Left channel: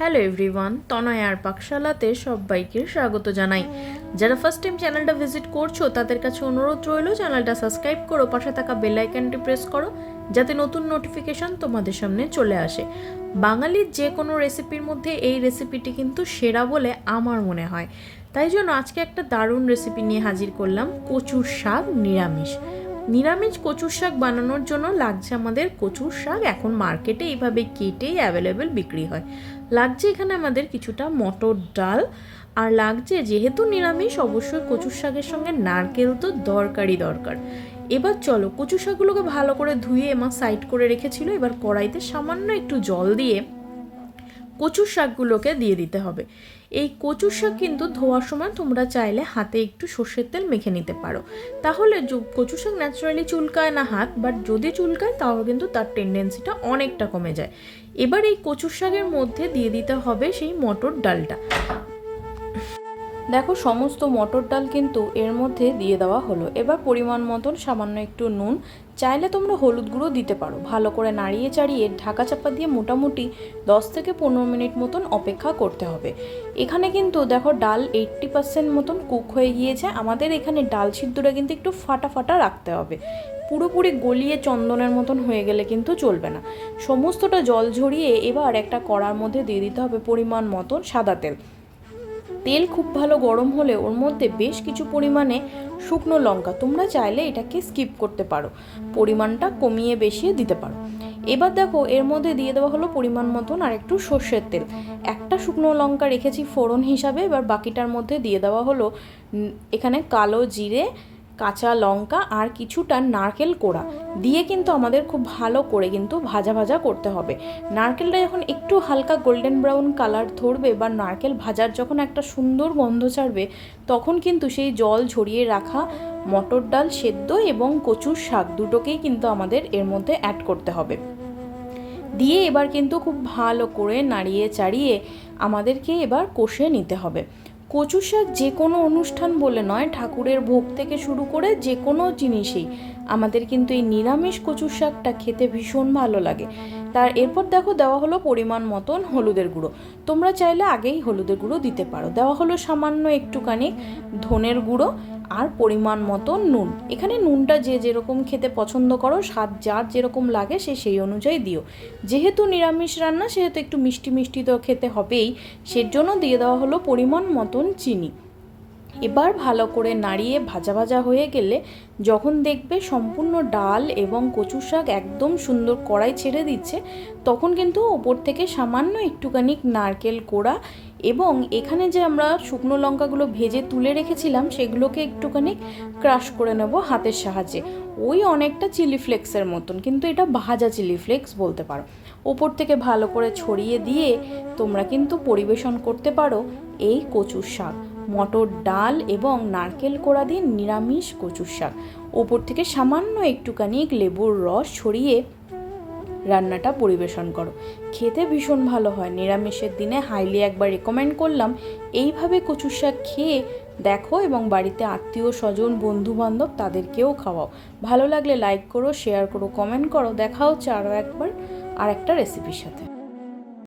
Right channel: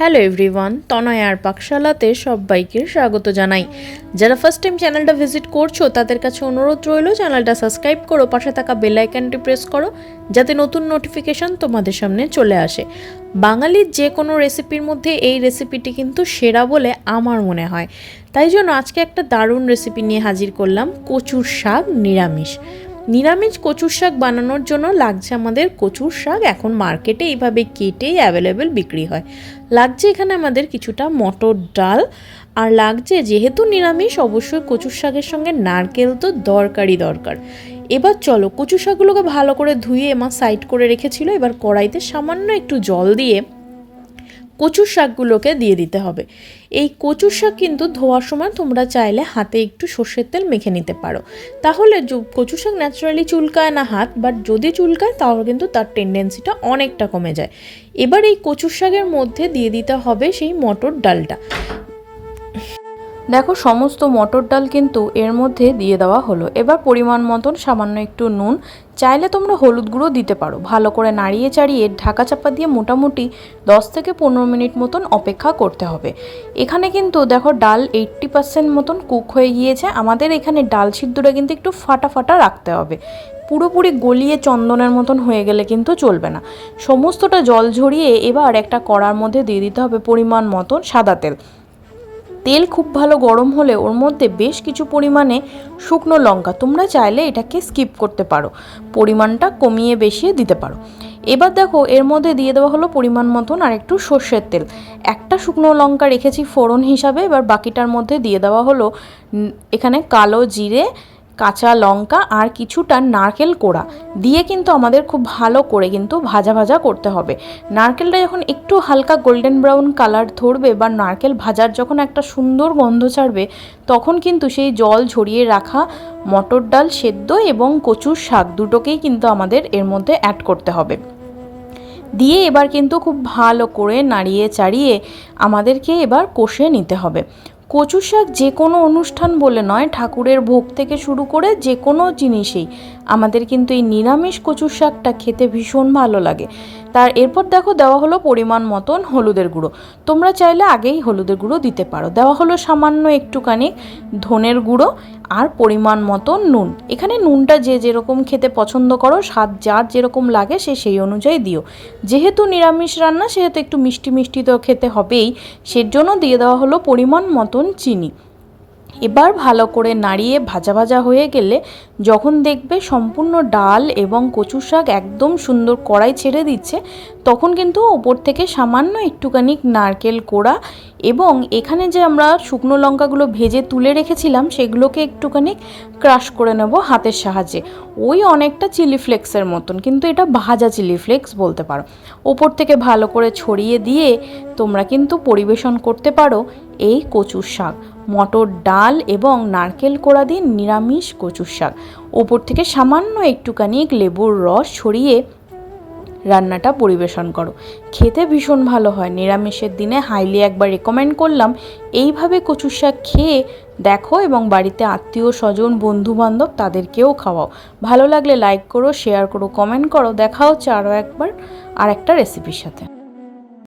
Hello everyone তনয় আর পাকশালাতে সবাইকে স্বাগত জানাই। যারা ফার্স্ট টাইম চ্যানেলটা ভিজিট করছ, তাদের কাছে অনুরোধ রইল চ্যানেলটা সাবস্ক্রাইব করো, পাশে থাকা বেল আইকনটি প্রেস করো, যাতে নতুন নোটিফিকেশন তোমাদের সামনে চলে আসে। বাঙালির যে কোনো রেসিপির মধ্যে এই রেসিপিটি কিন্তু সেরা বলে আমার মনে হয়। তাই জন্য আজকে একটা দারুণ রেসিপি নিয়ে হাজির করলাম কচুর শাক নিরামিষ। নিরামিষ কচুর শাক বানানোর জন্য লাগছে আমাদের কচুর শাক। এখন মার্কেটে এইভাবে কেটেই অ্যাভেলেবেল বিক্রি হয়। লাগছে এখানে আমাদের কিছুটা মটর ডাল। আর লাগছে যেহেতু নিরামিষ, অবশ্যই কচুর শাকের সঙ্গে নারকেল তো দরকারই দরকার। এবার চলো, কচু শাকগুলোকে ভালো করে ধুয়ে মা সাইড করে রেখেছিল। এবার কড়াইতে সামান্য একটু জল দিয়ে কচুর শাকগুলোকে দিয়ে দিতে হবে। এই কচুর শাক কিন্তু ধোয়ার সময় তোমরা চাইলে হাতে একটু সর্ষের তেল মেখে নিতে পারো। তাহলে কচু শাক ন্যাচারালি চুলকায় না হাত বাট যদি চুলকায় তাহলে কিন্তু তার টেন্ডেন্সিটা অনেকটা কমে যায়। এবার এই কচুর শাকের মধ্যে দিয়ে দিতে হবে সেই মটর ডালটা। দেখো সমস্ত মটর ডাল কিন্তু এর মধ্যে দিয়ে দেওয়া হলো। এবার পরিমাণ মতন সামান্য একটু নুন চাইলে তোমরা হলুদ গুঁড়ো দিতে পারো। ভালো করে নাড়িয়ে চাড়িয়ে ঢাকা চাপা দিয়ে মোটামুটি দশ থেকে পনেরো মিনিট মতন অপেক্ষা করতে হবে। এখানে কিন্তু দেখো ডাল এইট্টি পার্সেন্ট মতন কুক হয়ে গিয়েছে। আমাদের এখানে ডাল সিদ্ধটা কিন্তু একটু ফাটা ফাটা রাখতে হবে। পুরোপুরি গলিয়ে চন্দনের মতন হয়ে গেলে কিন্তু চলবে না। সমস্তটা জল ঝরিয়ে এবার একটা কড়ার মধ্যে দিয়ে দিতে হবে পরিমাণ মতন সাদা তেল। তেল খুব ভালো গরম হলে ওর মধ্যে বেশ কিছু পরিমাণে শুকনো লঙ্কা। তোমরা চাইলে এটাকে স্কিপ করতে পারো। পরিমাণটা কমিয়ে বেশিয়ে দিতে পারো। এবার দেখো, এর মধ্যে দিয়ে দেওয়া হলো পরিমাণ মতন আর একটু সর্ষের তেল। একটা শুকনো লঙ্কা রেখেছি ফোড়ন হিসাবে, এবার বাকিটার মধ্যে দিয়ে দেওয়া হলো এখানে কালো জিরে কাঁচা লঙ্কা আর কিছুটা নারকেল কোড়া দিয়ে কিন্তু আমাদের খুব ভালো করে কিন্তু ভাজা ভাজা করতে হবে। নারকেলটা যখন একটু হালকা গোল্ডেন ব্রাউন কালার ধরবে বা নারকেল ভাজার যখন একটা সুন্দর গন্ধ ছাড়বে, তখন কিন্তু সেই জল ঝরিয়ে রাখা মটর ডাল সেদ্ধ এবং কচুর শাক দুটোকেই কিন্তু আমাদের এর মধ্যে অ্যাড করতে হবে। দিয়ে এবার কিন্তু খুব ভালো করে নাড়িয়ে চাড়িয়ে আমাদেরকে এবার কষে নিতে হবে। কচু শাক যে কোনো অনুষ্ঠান বলে নয়, ঠাকুরের ভোগ থেকে শুরু করে যে কোনো জিনিসেই। আমাদের কিন্তু এই নিরামিষ কচু শাকটা খেতে ভীষণ ভালো লাগে। তার এরপর দেখো দেওয়া হলো পরিমাণ মতন হলুদের গুঁড়ো। তোমরা চাইলে আগেই হলুদের গুঁড়ো দিতে পারো। দেওয়া হলো সামান্য একটুখানি ধনের গুঁড়ো আর পরিমাণ মতন নুন। এখানে নুনটা যে যেরকম খেতে পছন্দ করো, স্বাদ যার যেরকম লাগে সে সেই অনুযায়ী দিও। যেহেতু নিরামিষ রান্না, সেহেতু একটু মিষ্টি মিষ্টি তো খেতে হবেই, সেজন্য দিয়ে দেওয়া হলো পরিমাণ মতন চিনি। এবার ভালো করে নাড়িয়ে ভাজা ভাজা হয়ে গেলে যখন দেখবে সম্পূর্ণ ডাল এবং কচু শাক একদম সুন্দর কড়াই ছেড়ে দিচ্ছে, তখন কিন্তু ওপর থেকে সামান্য একটুখানি নারকেল কোড়া এবং এখানে যে আমরা শুকনো লঙ্কাগুলো ভেজে তুলে রেখেছিলাম, সেগুলোকে একটুখানি ক্রাশ করে নেব হাতের সাহায্যে। ওই অনেকটা চিলি ফ্লেক্সের মতন, কিন্তু এটা ভাজা চিলি ফ্লেক্স বলতে পারো। ওপর থেকে ভালো করে ছড়িয়ে দিয়ে তোমরা কিন্তু পরিবেশন করতে পারো এই কচুর শাক। মটর ডাল এবং নারকেল কোড়া দিয়ে নিরামিষ কচুর শাক। ওপর থেকে সামান্য একটুখানি লেবুর রস ছড়িয়ে রান্নাটা পরিবেশন করো। খেতে ভীষণ ভালো হয়। নিরামিষের দিনে হাইলি একবার রেকমেন্ড করলাম এইভাবে কচুর শাক খেয়ে দেখো এবং বাড়িতে আত্মীয় স্বজন বন্ধু বান্ধব তাদেরকেও খাওয়াও। ভালো লাগলে লাইক করো শেয়ার করো কমেন্ট করো। দেখা হচ্ছে আরও একবার আর একটা রেসিপির সাথে।